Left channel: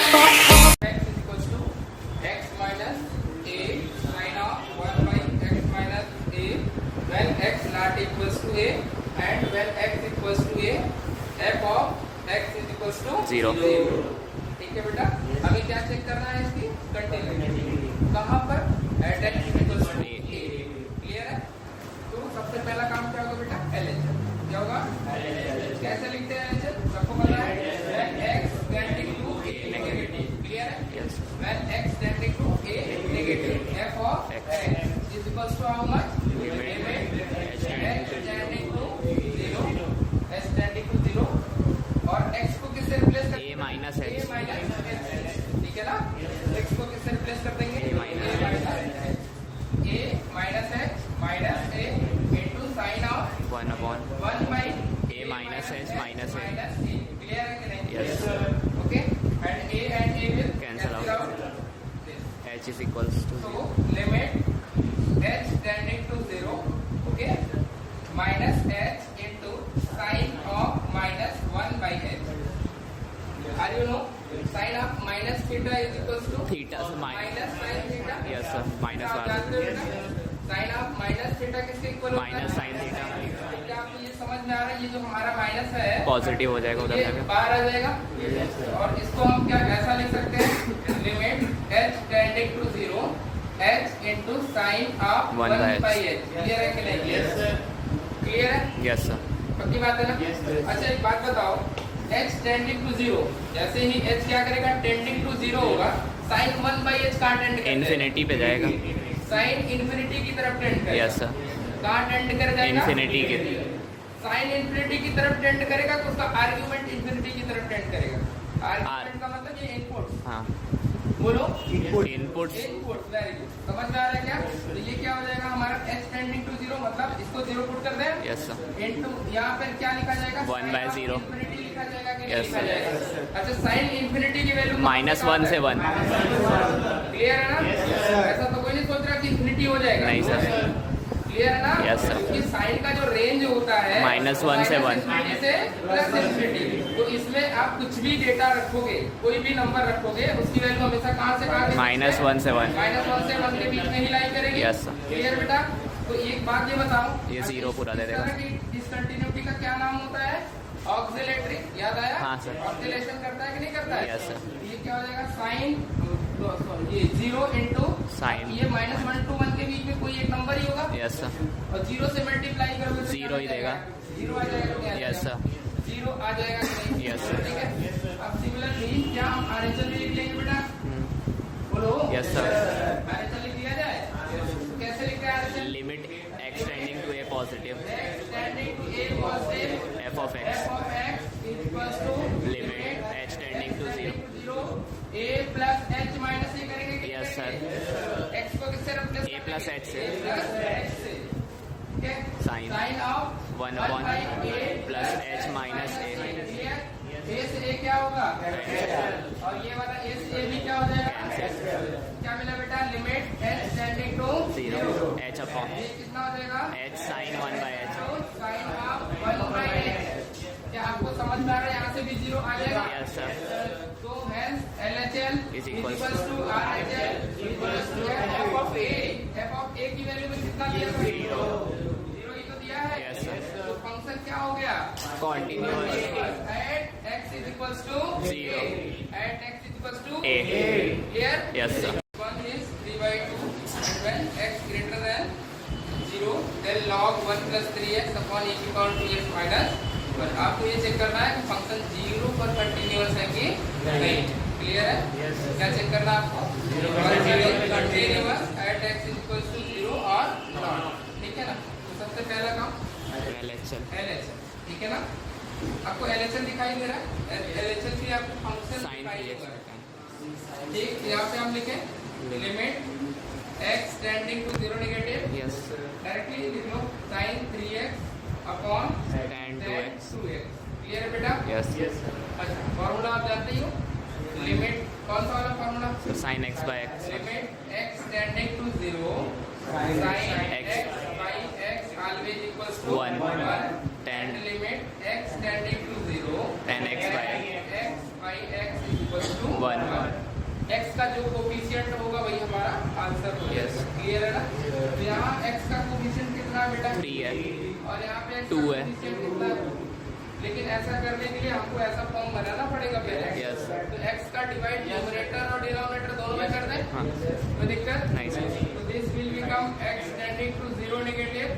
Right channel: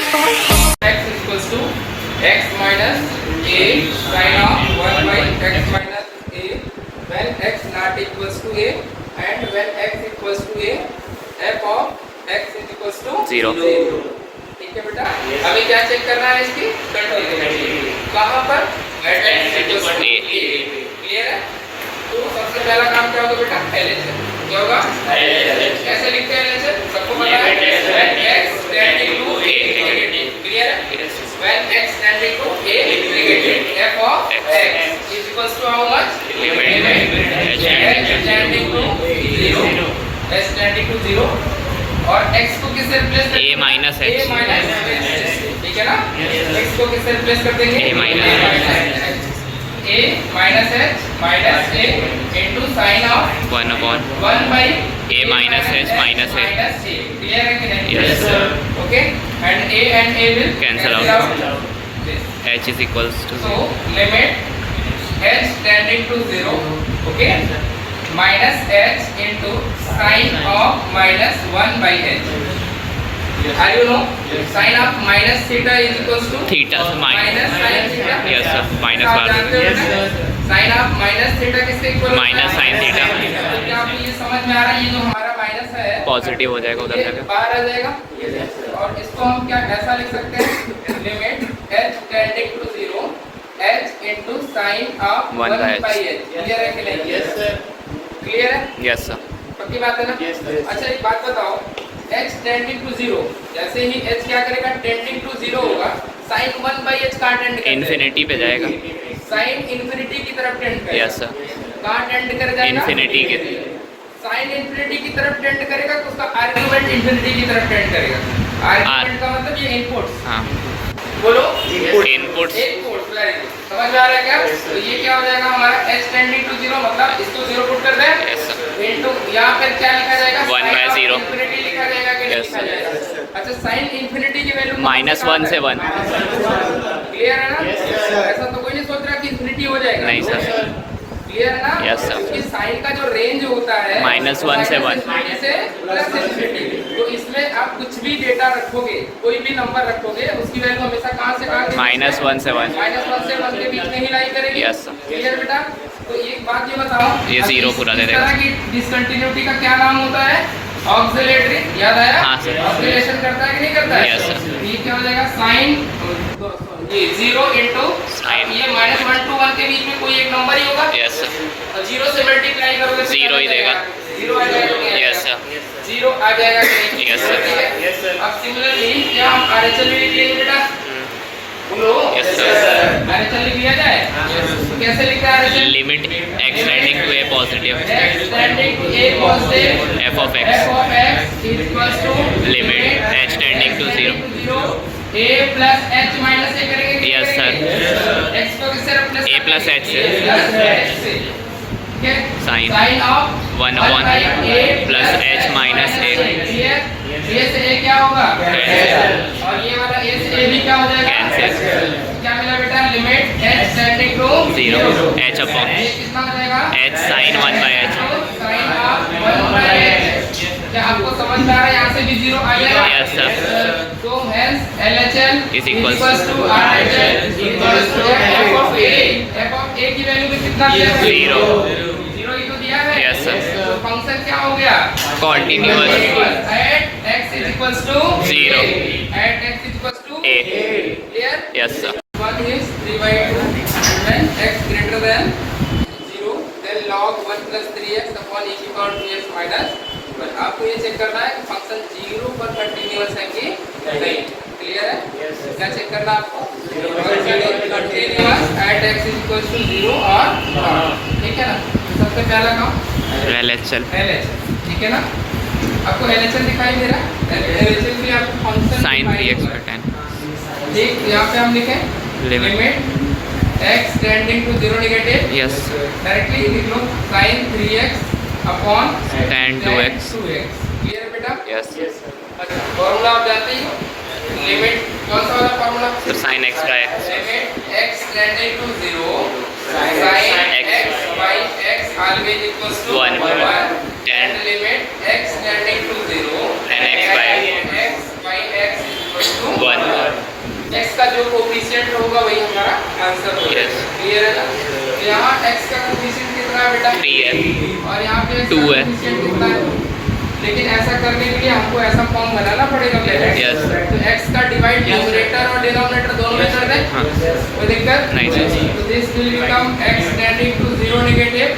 x equals to x minus a sin of 1 by x minus a when x not equals to a and when x equals to a f of x is equals to 0. ठीक है बेटा, अभी क्या check करना है इसकी continuity कहाँ पर at x equals to a clear है। तो सबसे पहला काम क्या होगा बेटा LHS क्या होगा कैसे लिखते हैं LHS सबको पता है x tending to a negative clear है when x tending to a negative f of x is equals to how much limit h tending to 0 h tending to 0 और x को किससे रिप्लेस करेंगे a माइनस h ठीक है ना x को किससे रिप्लेस कर देंगे a minus h minus a into sin of 1 upon 1 by a minus h minus a. Clear है कि नहीं Yes. Okay and a will Cancel out. h is equals to so limit h tending to 0 okay minus h into sin of minus 1 by h are you know sin of minus theta is equals to theta minus sin theta yes sir minus आप बार जानते हो ना? sin of minus theta किससे equal Minus sin theta. क्या आपको ये समझ में आ रहा है ये जो हमारा माइनस है पॉजिटिव हो जाएगा उधर ये जाकर बाहर आ जाएगा और इसको हम क्या ऐसा लिख सकते हैं limit h tending to 0 h into sin of 1 by h. Clear है कि नहीं यस सर क्लियर है यस सर पक्की बात है ना अच्छा एक बात बताओ h टेंडिंग टू 0 जैसे ही h क्या करेगा टेंडिंग टू 0 होगा sin 1 by h कहां टेंड करेगा इन्फिनिटी पे जाएगा sin इन्फिनिटी की तरफ टेंड करेगा यस सर कहां टेंड कर जाएगा इन्फिनिटी के sin इन्फिनिटी की तरफ टेंड करेगा तो उसका आर्गुमेंट इन्फिनिटी की तरफ टेंड करेगा आर्गुमेंट का मतलब ये इनपुट्स हाँ बोलो इनपुट्स इनपुट्स वेरी गुड समझ में आ रहा है क्या तो ये क्या हो जाएगा हमारा h टेंडिंग टू 0 मतलब इसको 0 पुट कर दें यस सर इनटू यहां पर क्या लिखा जाएगा 1 by 0 इन्फिनिटी लिखा जाएगा कि नहीं Yes, लिखा जाएगा अच्छा sin इन्फिनिटी की वैल्यू माइनस 1 से 1 क्लियर है ना ऐसा तो कोई नहीं सोच रहा कि इन्फिनिटी हो जाएगा नहीं सर क्लियर है ना Yes, sir. क्योंकि साइन का जो रेंज होता है -1 से 1 से प्लस इन्फिनिटी तो इसमें आप कुछ भी डेटा रखोगे कोई भी नंबर रखोगे उसकी वैल्यू हमेशा कहां से कहां -1 से 1 -1 से 1 के बीच में ही लाई करेगी Yes, sir. क्लियर बेटा तो एक बात ये बताओ ये अब 0 पूरा दे इस देगा। तरह की डिसकंटिन्यूटी का क्या नाम होता है ऑक्सिलेटरी याद आया हाँ, sir. ऑक्सिलेशन करता है कि नहीं करता है Yes, sir. ये क्या हो जाएगा साइन ये 0 into Sin. ये -1 to 1 के बीच में कोई एक नंबर ही होगा यस सर तो 0 से मल्टीप्लाई करोगे तो 0 ही देगा 0 आ जाएगा यस सर 0 आ जाएगा कि नहीं Yes, sir. अब सिमिलरली क्या हम आरएचएल भी लिख लेंगे बेटा बोलो Yes, sir. आरएचएल लिख लिया जाए तो कैसे लिखते हैं RHL limit x tending to a positive x tending to a positive f of x f of x is equals to limit h tending to 0 a plus h minus a करेंगे yes sir x को किससे replace a plus h से plus h से ठीक है Sin. sin of 1 upon plus h minus a a से a क्या होगा Cancel. और ये वाला a से a भी क्या हो जाएगा Cancel. क्या मिला बेटा limit h tending to 0 h upon ये कितना हो जाएगा h sin 1 by h sin of 1 by h क्या आपको समझ में आ रहा है यहाँ से भी 0 आ जाएगा Yes, sir. so hence LHL Is equals to RHL equals to f of a की वैल्यू में कितना दिया है 0 0 ही तो दिया है Yes, sir. तो फंक्शन क्या हो गया Continuous. at x is equals to 0 at x is equals to a clear yes sir 1 is 3 by 2 when x greater than 0 then log 1 plus 3x upon e की पावर 2x minus 1 आपको ये check करना है कि function 0 पर continuous है कि नहीं क्लियर है क्या चेक करना है आपको continuous at x is equals to 0 और not ठीक है ना सबसे पहला काम LHL ठीक है ना आपको LHL दिखाई दे रहा है LHL भी आपको फंक्शन sin 3x by 10 ठीक यहाँ पे हम लिखें limit x tending to 0 negative yes directly लिख लो sin 3x upon tan 2x clear है बेटा यस अच्छा फॉर्मूला आप जानते ही हो लिमिट कौन सा वाला फॉर्मूला तो sin x by x limit x tending to 0 sin x by x always equals to 1 and limit x tending to 0 and x by x by x is equal to 1. x का जो coefficient होगा वही हमारा answer होगा। Yes. Clear है ना? तो यहाँ x का कोफिशिएंट कितना है बेटा? 3 है और यहाँ पे x 2 का है। कोफिशिएंट कितना है? लेकिन ऐसा करने के लिए हमको ऐसा फॉर्म बनाना पड़ेगा पहले। Yes. तो x का डिवाइड न्यूमरेटर और डिनोमिनेटर दोनों में कर दें। हाँ। कोई दिक्कत नहीं सर। तो this will become x tending to 0 negative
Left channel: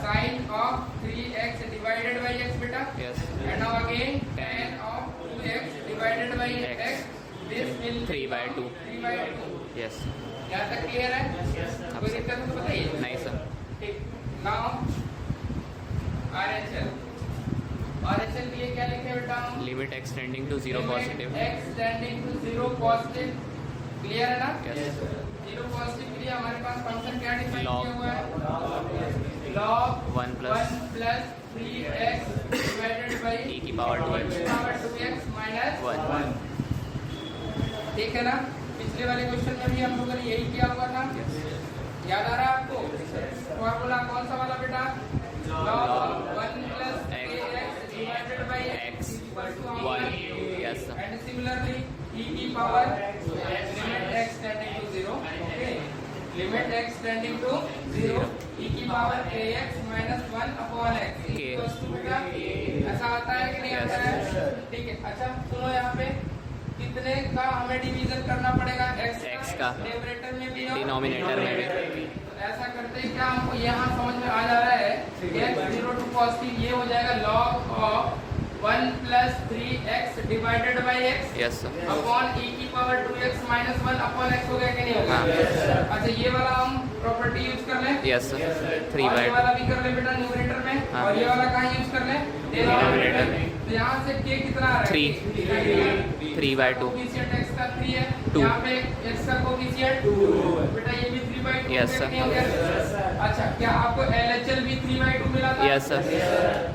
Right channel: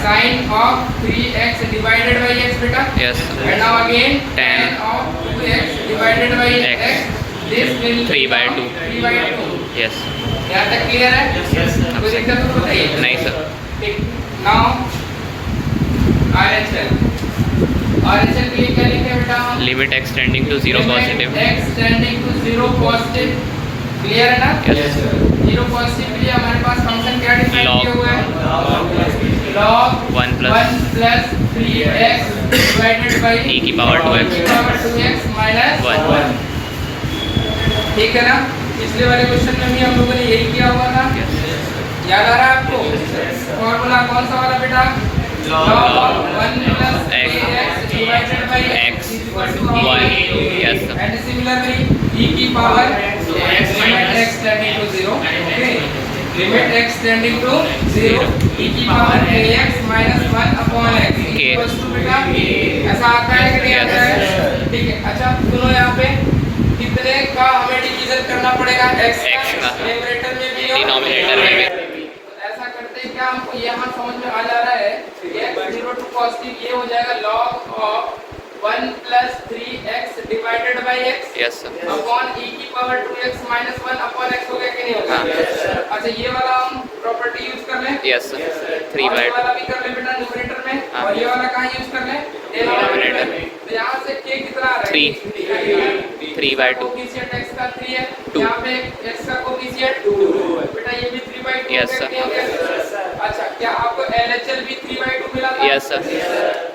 sin of 3x divided by x बेटा। Yes. And now again Tan of 2x divided by X. x. This will 3 by 2. 3 by 2. Yes. यहाँ तक क्लियर है? कोई दिक्कत तो बताइए। नहीं सर। ठीक। Now RHL के लिए क्या लिखे बेटा हम? Limit x tending to 0 positive. x tending to 0 positive. Clear है ना? Yes. 0 पॉजिटिव के लिए हमारे पास फंक्शन क्या डिफाइन Log. किया हुआ है? log 1 plus 1 plus 3x divided by e की power 2x e power 2x minus 1. ठीक है ना? पिछले वाले क्वेश्चन में भी हम लोगों ने यही किया हुआ था। याद आ रहा है आपको? फॉर्मूला कौन सा वाला बेटा? log 1 plus ax divided by X. is equal to 1. Yes sir. and similarly e की power x tending to 0. Okay. Limit x tending to 0 e की power ax minus 1 upon x is K. equals to बेटा ऐसा आता है कि नहीं आता है? ठीक है। अच्छा सुनो यहाँ पे कितने का हमें डिवीजन करना पड़ेगा? x का। न्यूमरेटर में भी और डिनोमिनेटर में भी। तो ऐसा करते हैं क्या हमको यहाँ समझ में आ जा रहा है x 0 टू पॉजिटिव ये हो जाएगा log of 1 plus 3x divided by x Yes sir. Upon e की power 2x minus 1 upon x हो गया कि नहीं हो गया? अच्छा ये वाला हम प्रॉपर्टी यूज कर लें। Yes sir. 3 और by ये 2. वाला भी कर लें बेटा न्यूमरेटर में। हाँ। और ये वाला कहाँ यूज कर लें? डिनोमिनेटर में। तो यहाँ से k कितना आ रहा है? 3 by 2. कोफिशिएंट x का 3 है। 2. यहाँ पे x का कोफिशिएंट 2 बेटा ये भी 3 by 2 Yes, sir. अच्छा क्या आपको LHL भी 3 by 2 मिला था? Yes sir.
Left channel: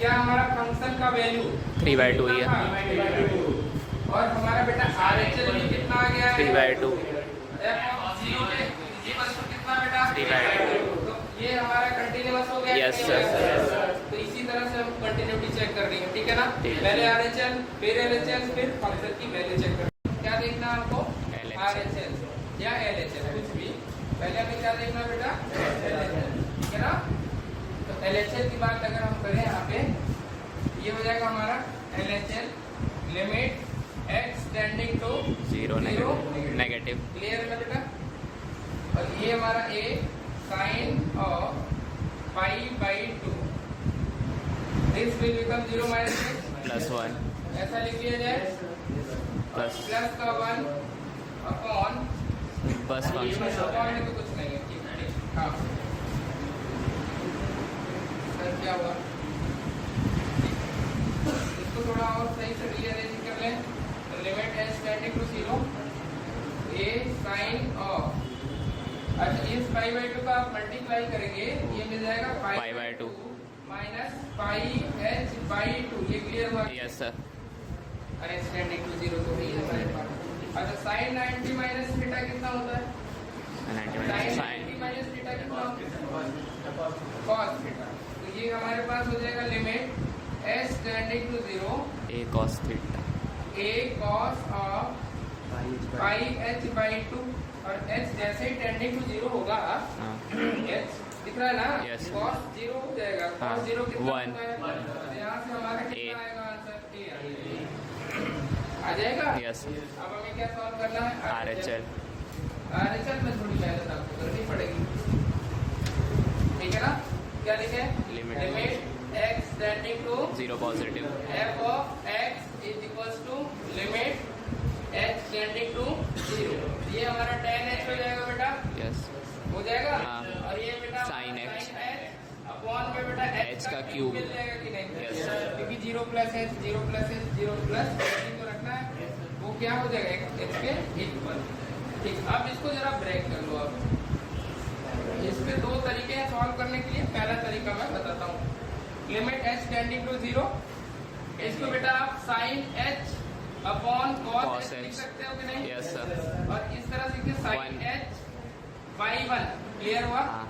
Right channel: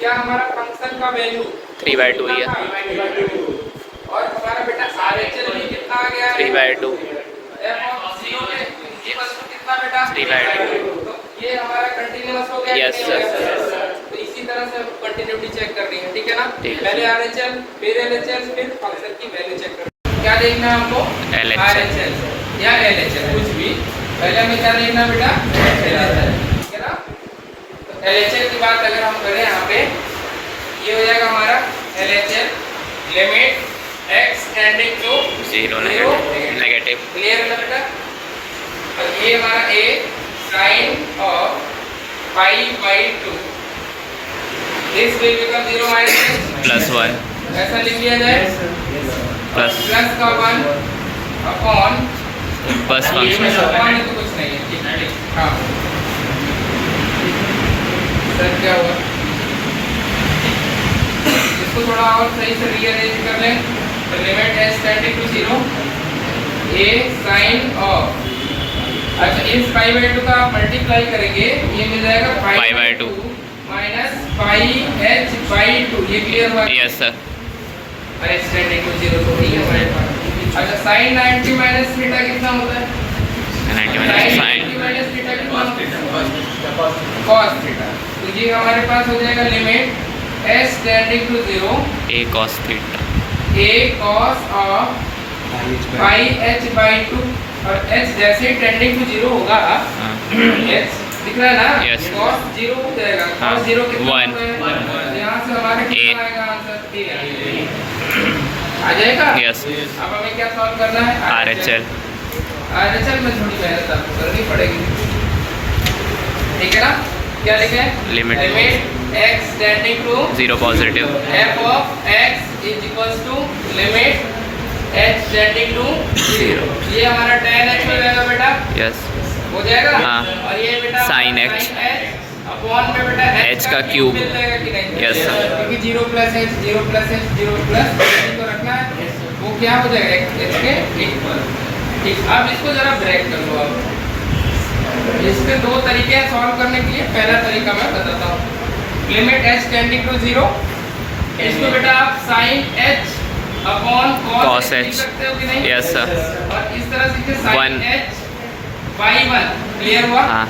क्या हमारा फंक्शन का वैल्यू 3 by 2 ही है। और हमारा बेटा RHL भी कितना आ गया है? 3 by 2. f of 0 के ये वस्तु कितना बेटा? 3 by 2. तो ये हमारा कंटीन्यूअस हो गया। Yes, कि sir. नहीं हो गया? तो इसी तरह से हम कंटिन्यूटी चेक कर रही है। ठीक है ना? ठीक है। पहले RHL फिर LHL फिर फंक्शन की वैल्यू चेक करना। क्या देखना है हमको? LHL. RHL या LHL कुछ भी। पहले हमें क्या देखना है बेटा? LHL। ठीक है ना? तो LHL की बात अगर हम करें यहाँ पे ये हो जाएगा हमारा LHL limit x tending to 0 negative. Clear है ना बेटा? और ये हमारा a sin of pi by 2 this will become 0 minus plus 1 ऐसा लिख लिया जाए प्लस प्लस का 1 अपॉन बस फंक्शन. अपॉन तो कुछ नहीं है। ठीक है ठीक हाँ सर क्या हुआ इसको थोड़ा और सही से रीअरेंज कर लें। तो limit h tending to 0 a sin of अच्छा इस पाई बाई 2 का आप मल्टीप्लाई करेंगे ये मिल जाएगा pi by 2 minus pi h by 2 ये क्लियर हुआ? Yes sir. अरे h टेंडिंग टू 0 तो ठीक है हमारे पास। अच्छा sin 90 माइनस थीटा कितना होता है? 90 माइनस साइन. माइनस थीटा कितना होता है? cos theta. तो ये हमारे पास हो जाएगा limit h tending to 0 a cos theta. a cos of pi h by 2 और h जैसे टेंडिंग टू 0 होगा हाँ. h दिख रहा है ना? Yes. cos 0 हो जाएगा। हाँ. cos 0 कितना 1. होता है? यहाँ से हमारा कितना A. आएगा आंसर? आ जाएगा? यस. अब हमें क्या सॉल्व करना है? RHL. RHL में थोड़ी मेहनत आपको करनी पड़ेगी। ठीक है ना? क्या लिखे? Limit. x tending to 0 positive. f of x is equals to limit h tending to 0। ये हमारा tan h हो जाएगा बेटा? यस. हो जाएगा? हाँ. और ये बेटा Sin h. अपॉन में बेटा h का क्यूब. मिल जाएगा कि नहीं? Yes, sir. क्योंकि 0 plus h 0 plus h 0 plus को रखना है वो क्या हो जाएगा h के इक्वल। ठीक अब इसको जरा ब्रेक कर लो आप। इसके दो तरीके हैं सॉल्व करने के लिए। पहला तरीका मैं बताता हूँ। लिमिट h टेंडिंग टू 0 इसको बेटा आप sin h upon cos h लिख सकते हो कि नहीं? Yes sir. और इस तरह से sin One. h by 1 clear हुआ? हाँ.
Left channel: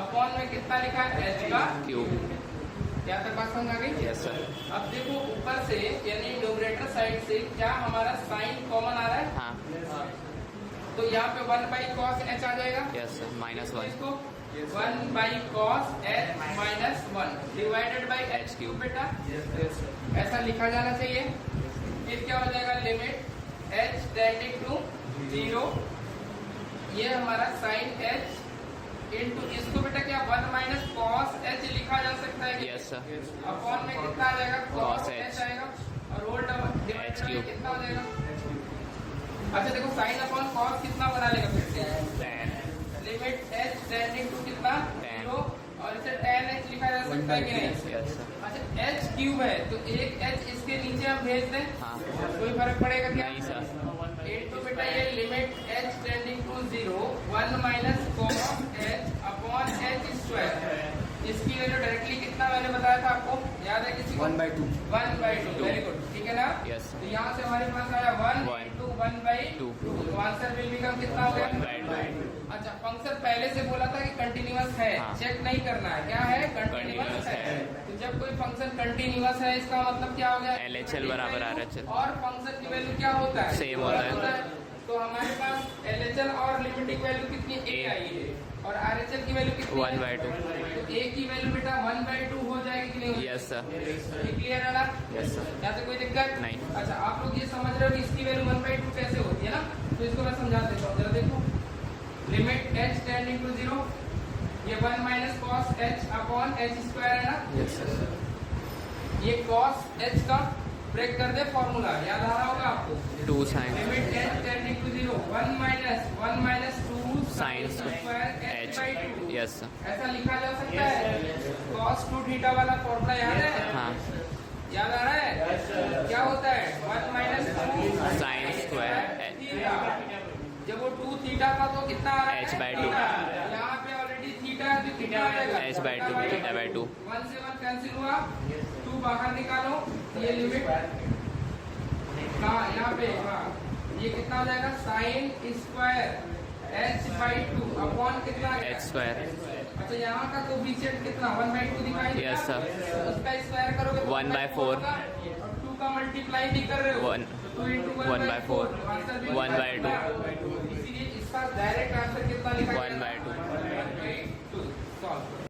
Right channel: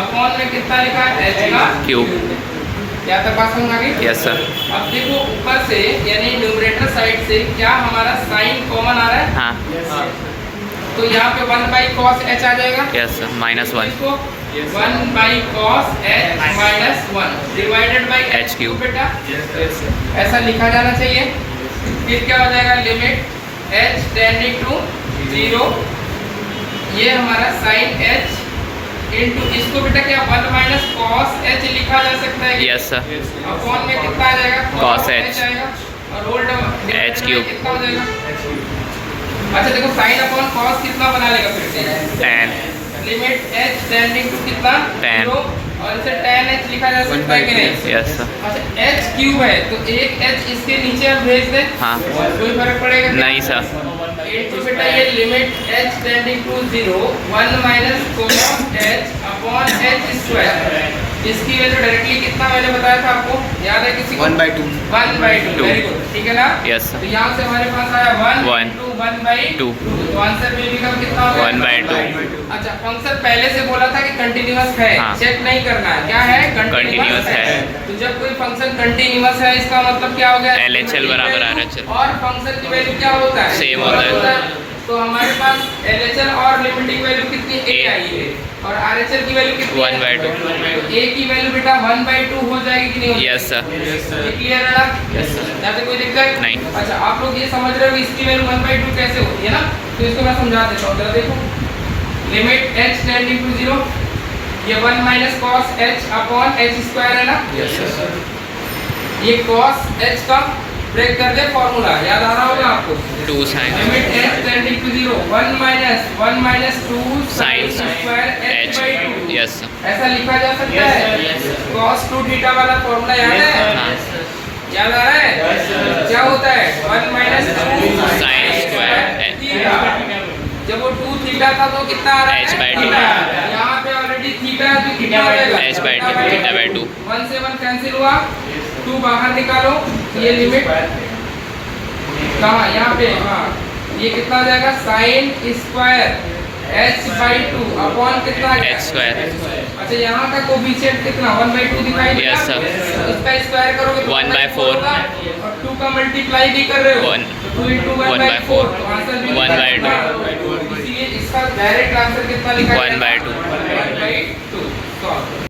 अपॉन में कितना लिखा है? h का क्यूब. क्या तक बात समझ आ गई? Yes sir. अब देखो ऊपर से यानी न्यूमरेटर साइड से क्या हमारा साइन कॉमन आ रहा है? हाँ. हाँ तो यहाँ पे 1 बाई कॉस एच आ जाएगा। यस सर -1 इसको 1 by cos H -1 divided by H cube. बेटा ऐसा लिखा जाना चाहिए। फिर क्या हो जाएगा, लिमिट h टेंडिंग टू 0, ये हमारा साइन h इनटू इसको बेटा क्या 1 माइनस कॉस h लिखा जा सकता है। यस सर अपॉन में कितना आ जाएगा, Cos H आएगा और होल H क्यूब। कितना हो जाएगा। अच्छा देखो साइन अपॉन कॉस कितना बना लेगा फिर से, tan limit h tending to कितना Tan। 0 और इसे tan h लिखा जा सकता है कि नहीं। यस सर अच्छा h क्यूब है तो एक h इसके नीचे हम भेज दें, हाँ कोई फर्क पड़ेगा क्या? नहीं सर इनटू बेटा ये limit h tending to 0 1 minus cos h upon h square, इसकी वैल्यू डायरेक्टली कितना मैंने बताया था आपको, याद है किसी को? 1/2 1/2 वेरी गुड, ठीक है ना। यस तो सर यहाँ से हमारे पास आया 1 One। इनटू 1/2 2 तो आंसर में भी कितना हो गया 1/2 अच्छा फंक्शन पहले से बोला था कि कंटिन्यूअस है, हाँ। चेक नहीं करना है, क्या है Continuous है। तो जब कोई फंक्शन कंटिन्यूअस है इसका मतलब क्या हो गया, LHL बराबर RHL। और फंक्शन की वैल्यू क्या होता है, Same होता है। तो हमारे पास LHL और लिमिटिंग वैल्यू कितनी a A। आई है और RHL की वैल्यू कितनी है 1/2 तो a की वैल्यू बेटा 1/2 हो जाएगी कि नहीं होगी? यस सर क्लियर है ना, यस सर यहाँ पे कोई दिक्कत नहीं। अच्छा आप लोग ये समझ रहे हो कि इसकी वैल्यू 1/2 कैसे होती है ना, तो इसको मैं समझा देता हूँ, जरा देखो लिमिट h टेंडिंग टू 0, ये 1 minus cos h upon h square है ना, यस सर ये cos h का ब्रेक कर दे फॉर्मूला, याद आ रहा होगा आपको। 2 sin limit h tending to 0 1 minus 2 sin square h h/2 yes sir ऐसा लिखा जा सकता है। cos 2 थीटा वाला फॉर्मूला याद है, हाँ याद आ रहा है, क्या होता है 1 माइनस 2 sin स्क्वायर थीटा, जब वो 2 थीटा था तो कितना आ रहा है h/2 थीटा, यहाँ पे ऑलरेडी थीटा है तो कितना हो जाएगा h/2 थीटा/2 1 से 1 कैंसिल हुआ, 2 बाहर निकालो, ये लिमिट कहाँ यहाँ पे, हाँ ये कितना आ जाएगा साइन स्क्वायर h/2 अपॉन कितना आ गया h स्क्वायर अच्छा यहाँ का कोफिशिएंट कितना 1/2 दिखाई दिया। Yes, sir। इसका स्क्वायर करोगे तो 1/4 होगा, और 2 का मल्टीप्लाई भी कर रहे हो 1 2 into 1/4 तो आंसर भी 1/2 इसलिए इसका डायरेक्ट आंसर कितना लिखा 1/2 1/2 सॉल्व